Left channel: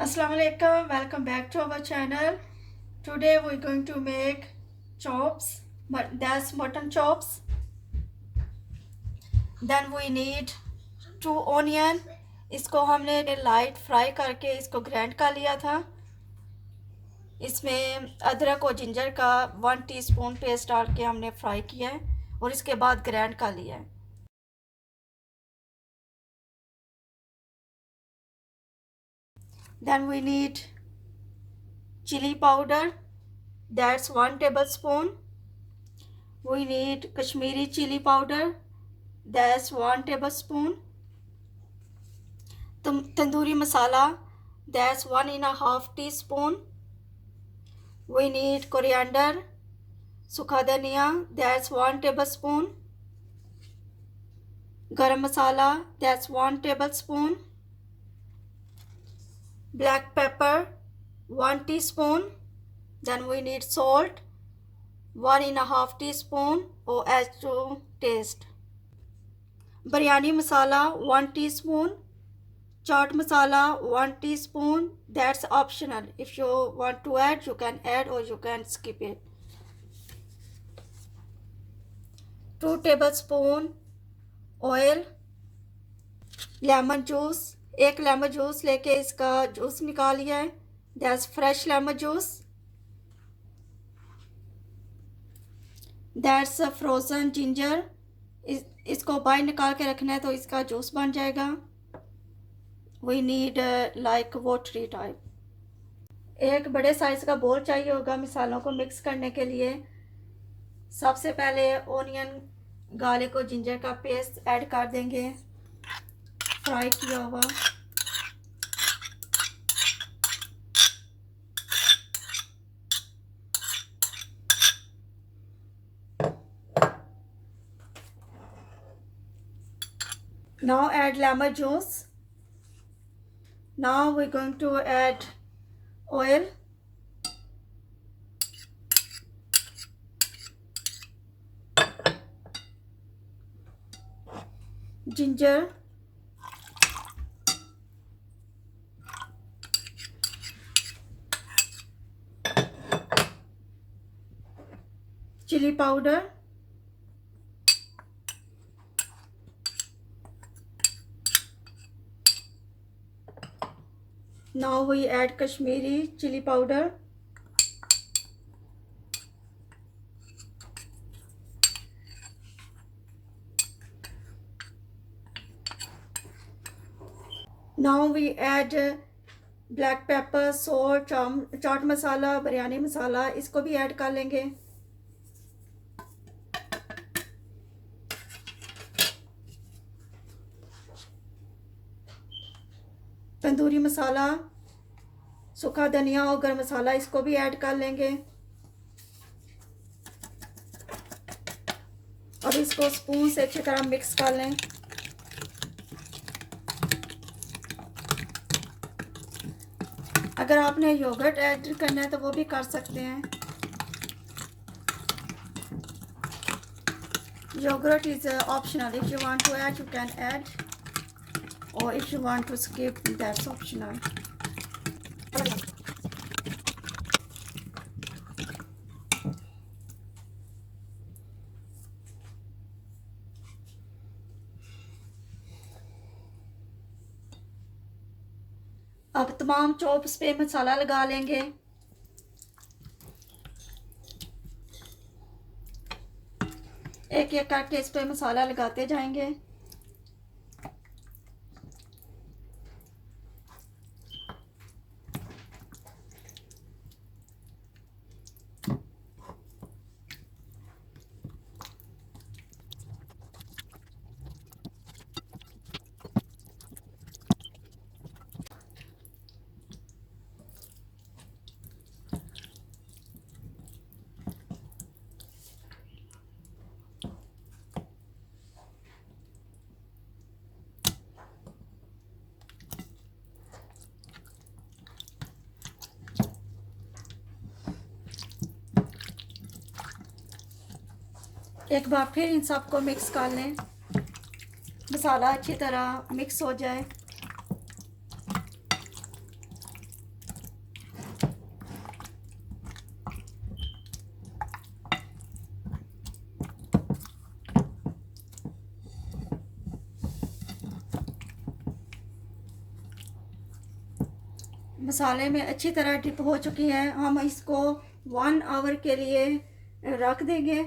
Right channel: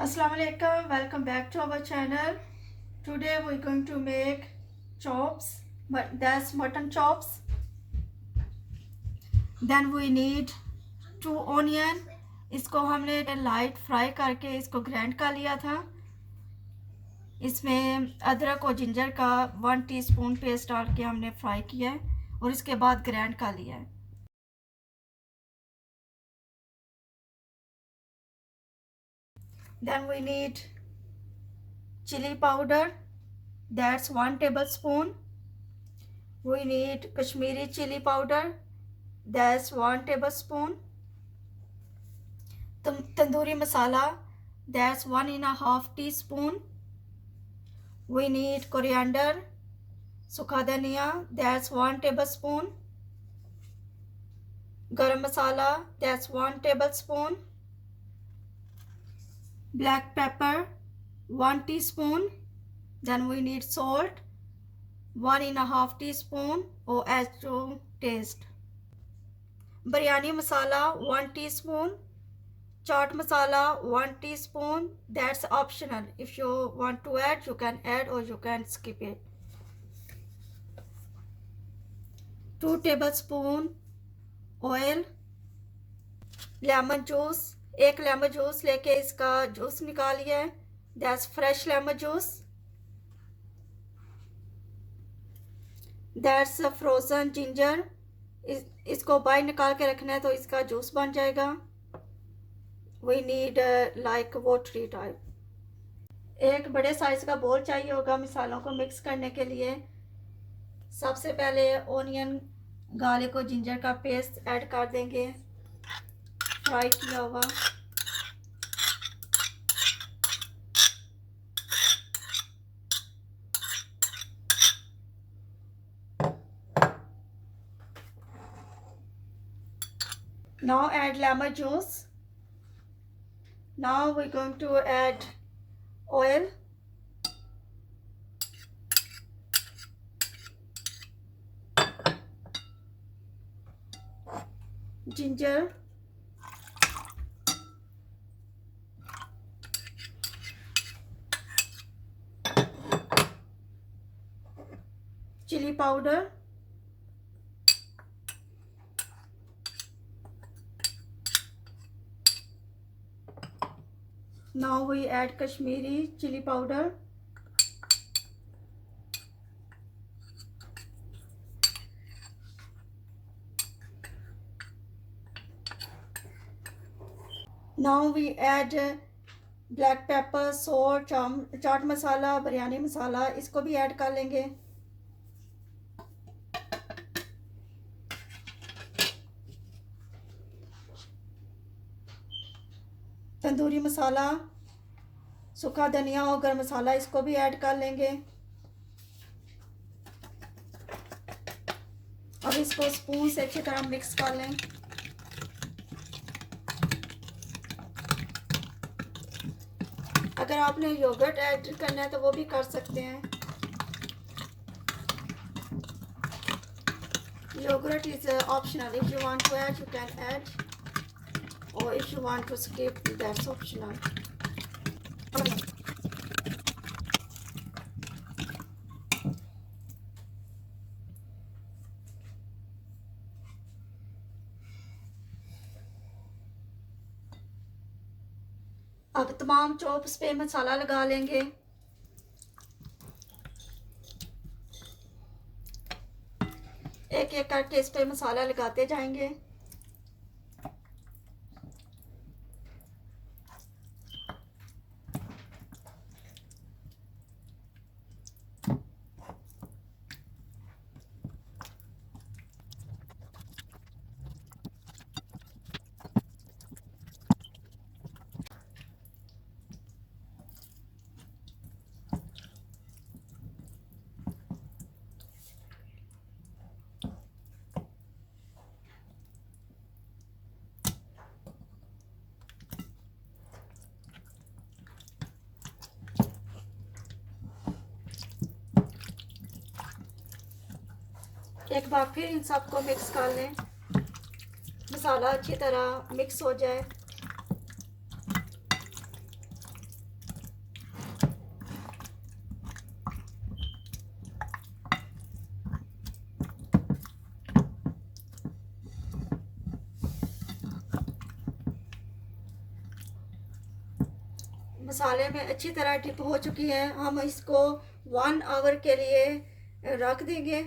Assalamu alaikum, welcome back to our channel. Today we're going to make chops, but that's mutton chops. Then we need 2 onion. इसको हमने light fry करके इसको grind कर लिया था. इसमें अदरक और जिंजर का 1 टीस्पून पेस्ट डाल के हमने फ्राई किया है और इसके बाद ग्राइंड कर लिया है. Then we need chili powder, that's 1 tablespoon. We need Kashmiri chili powder, that's 1 tablespoon. Tandoori masala, that's 1.5 teaspoon. We need coriander, sukha dhania, that's 1 tablespoon. Garam masala, that's 1 tablespoon. Black pepper, 1 teaspoon. Then we need salt, 1.5 teaspoon or as to taste. Biryani masala, 1 teaspoon. Chaat masala, 1 teaspoon. That's optional. If you want to add, you can add or you can skip it. 2 tablespoon oil. Lemon juice, 1 lemon juice लेके इसका juice निकाल लिया है. That's fresh lemon juice. That's frozen ginger. इसको बाहर निकाल के रखना है तो इसका जूस बन जाएगा. We need like watery type. एक बड़े साइज़ का बोल चाहिए होगा मसालों को मिक्स करने के लिए. सबसे पहले ओनियन, गार्लिक और जिंजर का पेस्ट ऐड कर देंगे फ्राई किया हुआ. Now add lemon juice. Now we're going to add oil, ginger, chili powder, now we add Kashmiri chili powder, now we add black pepper, salt, chaat masala, biryani masala. इसको भी add कर लेंगे. तंदूरी मसाला, सूखा धनिया और गरम मसाला, इसको भी ऐड कर लेंगे. अब इसको स्पून से अच्छी तरह मिक्स कर लें. अगर आपने योगर्ट ऐड करना है तो वो भी कर सकते हैं. Yogurt is optional. If you want to add, you can add, or if you want to skip, that's optional. अब तमाम चॉप्स पे मसाला लगा लेंगे. एक एक करके इस पे मसाला लगाते जाएंगे. एक बार फिर इन सबको मिक्स कर लें. मसाला अच्छी तरह मिक्स हो जाए. मसाले में अच्छी तरह डिप हो चुकी है। हम इसको 1 आवर के लिए रख देंगे,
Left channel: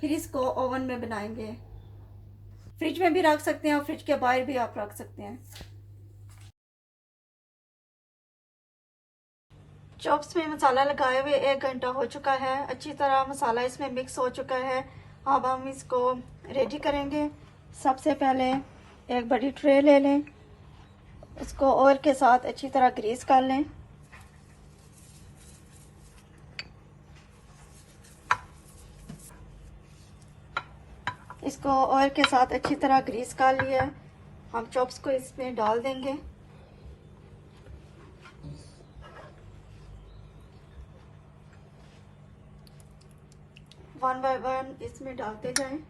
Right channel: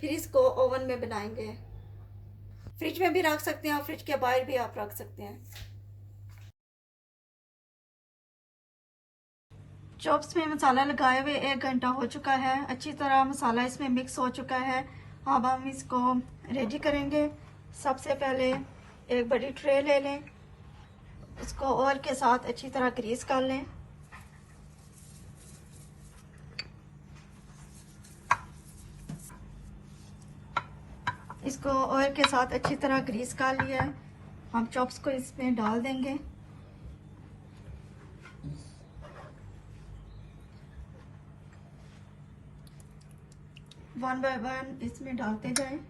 फिर इसको ओवन में बनाएंगे। फ्रिज में भी रख सकते हैं और फ्रिज के बाहर भी आप रख सकते हैं। चॉप्स में मसाला लगाए हुए 1 घंटा हो चुका है। अच्छी तरह मसाला इसमें मिक्स हो चुका है। अब हम इसको रेडी करेंगे। सबसे पहले एक बड़ी ट्रे ले लें, उसको ऑयल के साथ अच्छी तरह ग्रीस कर लें। इसको ऑयल के साथ अच्छी तरह ग्रीस कर लिया। हम चॉप्स को इसमें डाल देंगे। वन बाय वन इसमें डालते जाएं।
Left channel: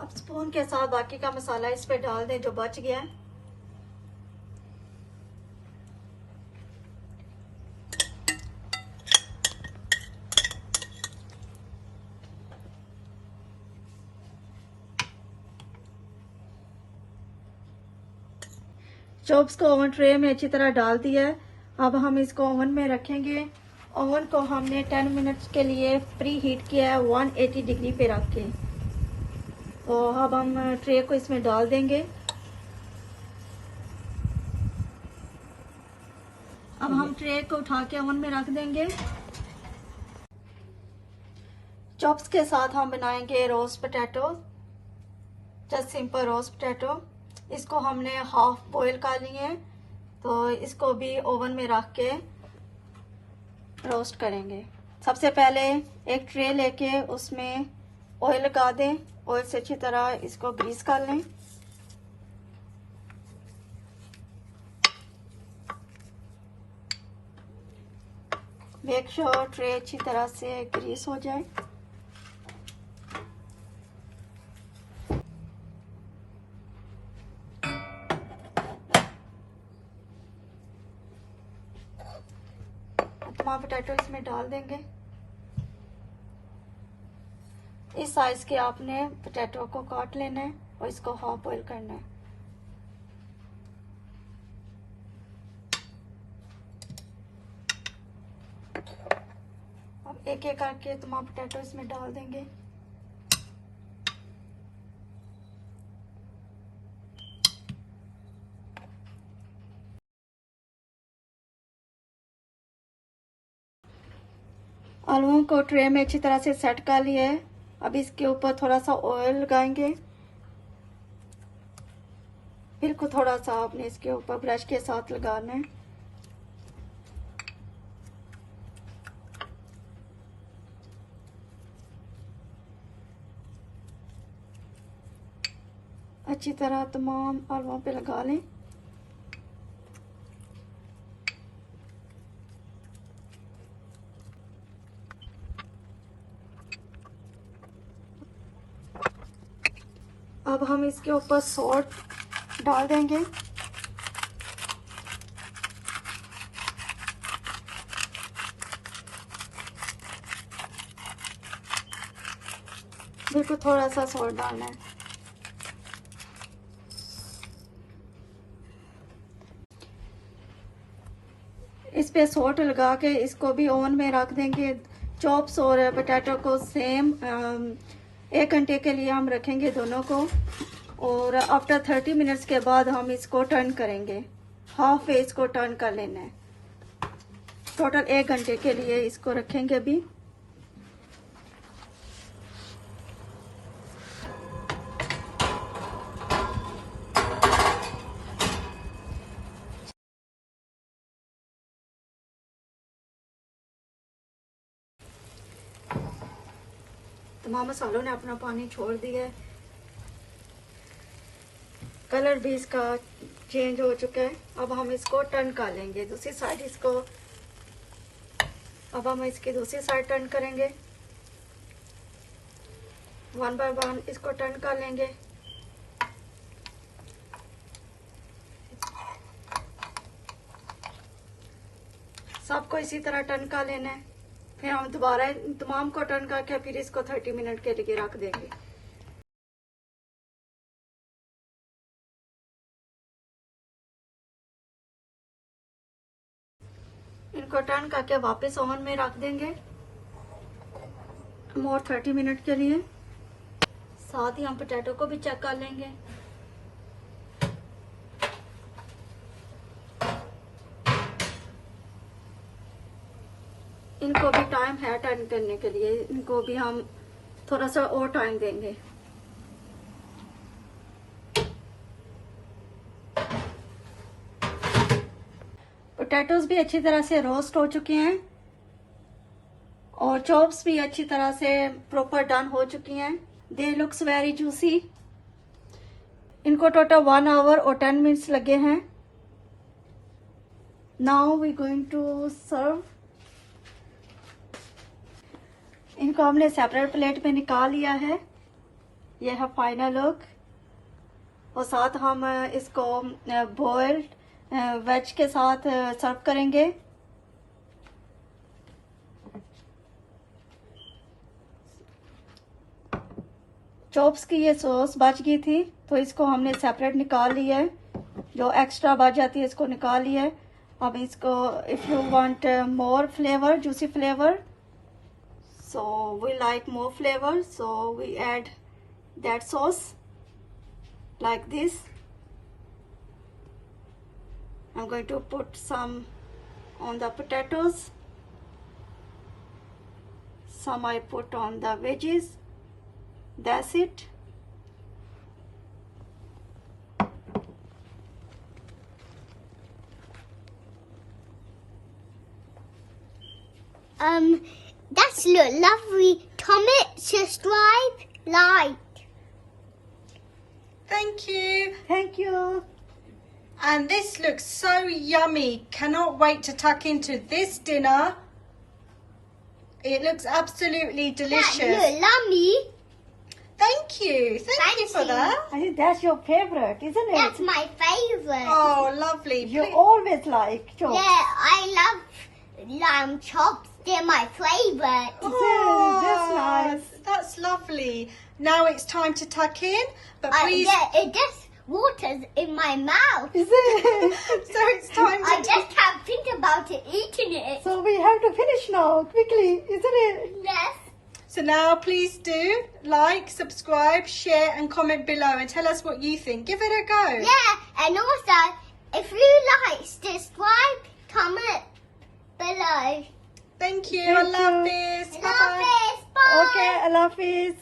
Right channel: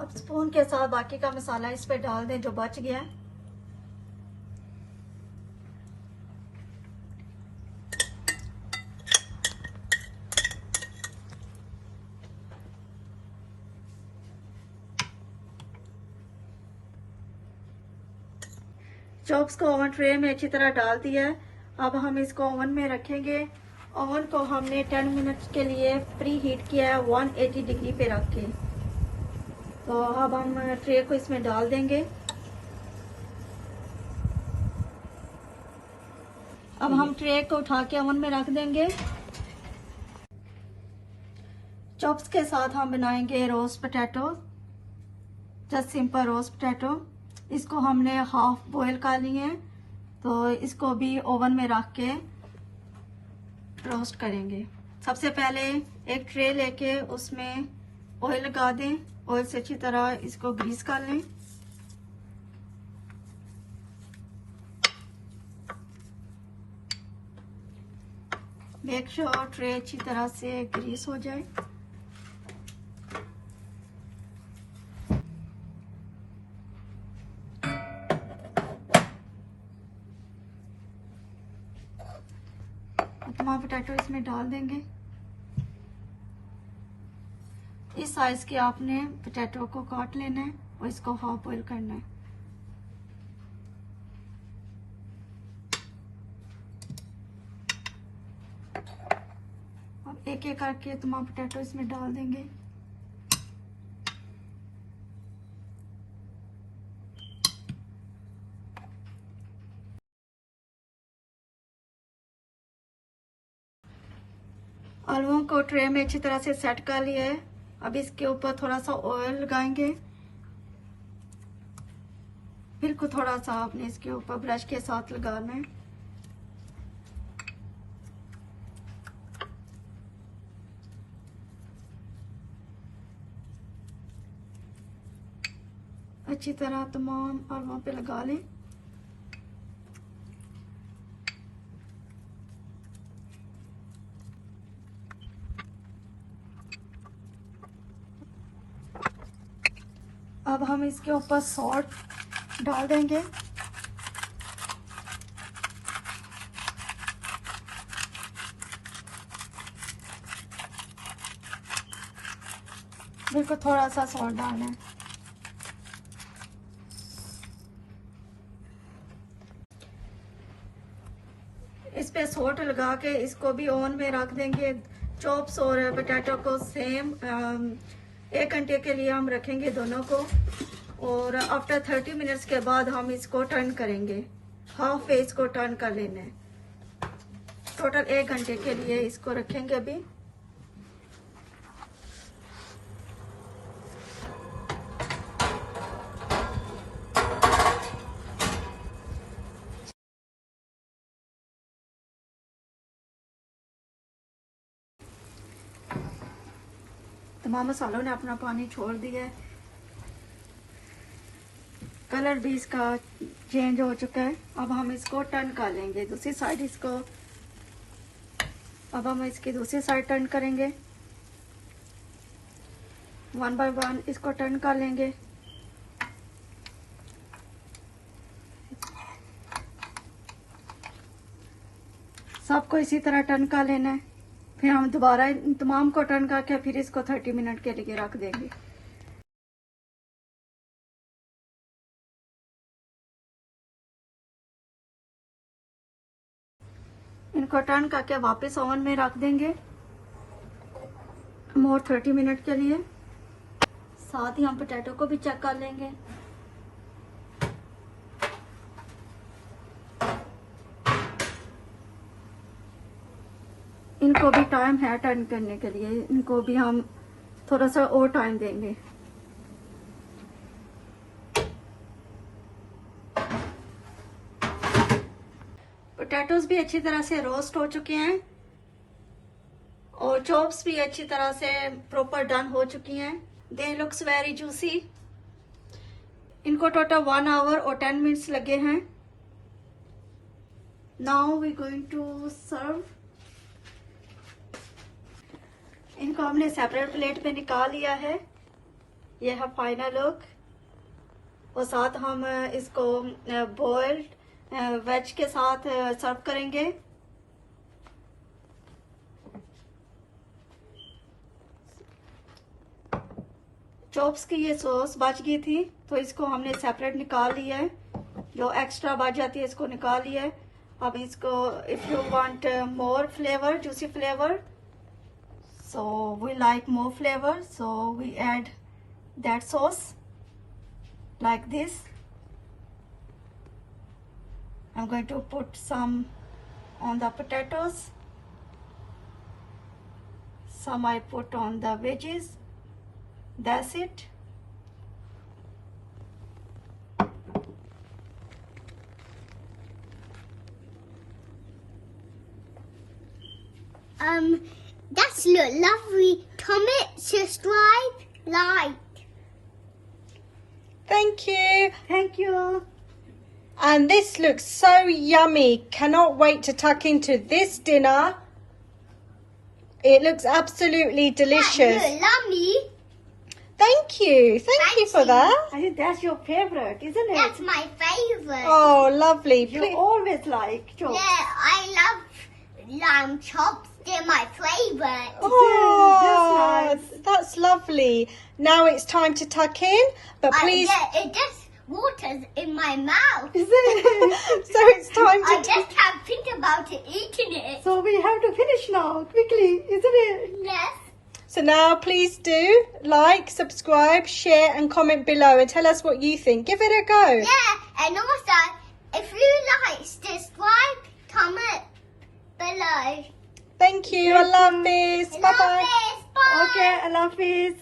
अब स्पून के साथ बाकी का मसाला इस पे डाल दें जो बच गया है। चॉप्स को ओवन ट्रे में अच्छी तरह डाल दिया है। अब हम इसको ओवन में रखेंगे। ओवन को हमने 10 मिनट के लिए प्री हीट किया है 180 डिग्री पे रख के। तो अब हम ट्रे को इसमें डाल देंगे। अब हम ट्रे को उठा के ओवन में रख देंगे। चॉप्स के साथ हम बनाएंगे roast potato, just simple roast potato. इसको हमने हाफ बॉईल कर लिए, तो इसको भी ओवन में रख के रोस्ट करेंगे। सबसे पहले एक ट्रे लेके उसमें ऑयल लगा दें। ऑयल से अच्छी तरह इसको ग्रीस कर लें। मेक श्योर ट्रे अच्छी तरह से ग्रीस हो जाए। तमाम पोटैटो इसमें डाल देंगे। इस साइज के आपने पोटैटो को काट लेना है और इसको हाफ बॉईल करना है। अब एक एक करके तमाम पोटैटो इसमें डाल देंगे। आलूओं को ट्रे में अच्छी तरह से सेट कर लिया है। अब इसके ऊपर थोड़ा सा ऑयल लगाएंगे। बिल्कुल थोड़ा सा आपने इसके ऊपर ब्रश के साथ लगाना है। अच्छी तरह तमाम आलूओं पे लगा लें। अब हम इसके ऊपर सॉल्ट डाल देंगे। बिल्कुल थोड़ा सा सॉल्ट डालना है। इस पे सॉल्ट लगा के इसको भी ओवन में रख देंगे। चॉप्स और पोटैटो को सेम 1 घंटे के लिए हम रखेंगे दोनों को, और आफ्टर 30 मिनट्स के बाद हम इसको टर्न करेंगे। हाफ वे इसको टर्न कर लेना है। टोटल 1 घंटे के लिए इसको रखेंगे अभी। तमाम मसालों ने अपना पानी छोड़ दिया है, कलर भी इसका चेंज हो चुका है। अब हम इसको टर्न कर लेंगे दूसरी साइड इसको। अब हम इसकी दूसरी साइड टर्न करेंगे, वन बाय वन इसको टर्न कर लेंगे। सबको इसी तरह टर्न कर लेना है। फिर हम दोबारा इन तमाम को टर्न करके फिर इसको 30 मिनट के लिए रख देंगे। इनको टर्न करके वापस ओवन में रख देंगे मोर 30 मिनट के लिए। साथ ही हम पोटैटो को भी चेक कर लेंगे। इनको भी टाइम है टर्न करने के लिए, इनको भी हम थोड़ा सा और टाइम देंगे। पोटैटोज भी अच्छी तरह से रोस्ट हो चुके हैं और चॉप्स भी अच्छी तरह से प्रॉपर डन हो चुकी हैं। They looks very juicy. इनको टोटल 1 आवर और 10 मिनट्स लगे हैं। Now we going to serve. इनको हमने सेपरेट प्लेट में निकाल लिया है। यह है फाइनल लुक। और साथ हम इसको बॉइल्ड वेज के साथ सर्व करेंगे। चॉप्स की ये सॉस बच गई थी तो इसको हमने सेपरेट निकाल लिया है। जो एक्स्ट्रा बच जाती है इसको निकाल लिया है। अब इसको if you want more flavour, juicy flavour, so we like more flavor, so we add that sauce like this. I'm going to put some on the potatoes, some I put on the veggies. That's it. That's lovely. Comment, subscribe, like. Thank you. Thank you. And this looks so yummy. Cannot wait to tuck into this dinner. It looks absolutely delicious. That's yummy. Thank you. Thank you for that. I think that's your favorite, isn't it? That's my favorite. Oh, lovely. You always like chops. Yeah, I love lamb chops. They're my favorite. Oh, That's nice. That's lovely. Now it's time to tuck in, but please. Yeah, it just waters in my mouth. Is it? So it's time I to. just can't think about it eating it. So we have to finish now, quickly, isn't it? Yes. So now please do like, subscribe, share, and comment below, and tell us what you think. Give it a go. Yeah, and also, if you like, subscribe, comment below. Thank you. I love this. Bye bye. Love this. Bye. Okay, Allah Hafiz.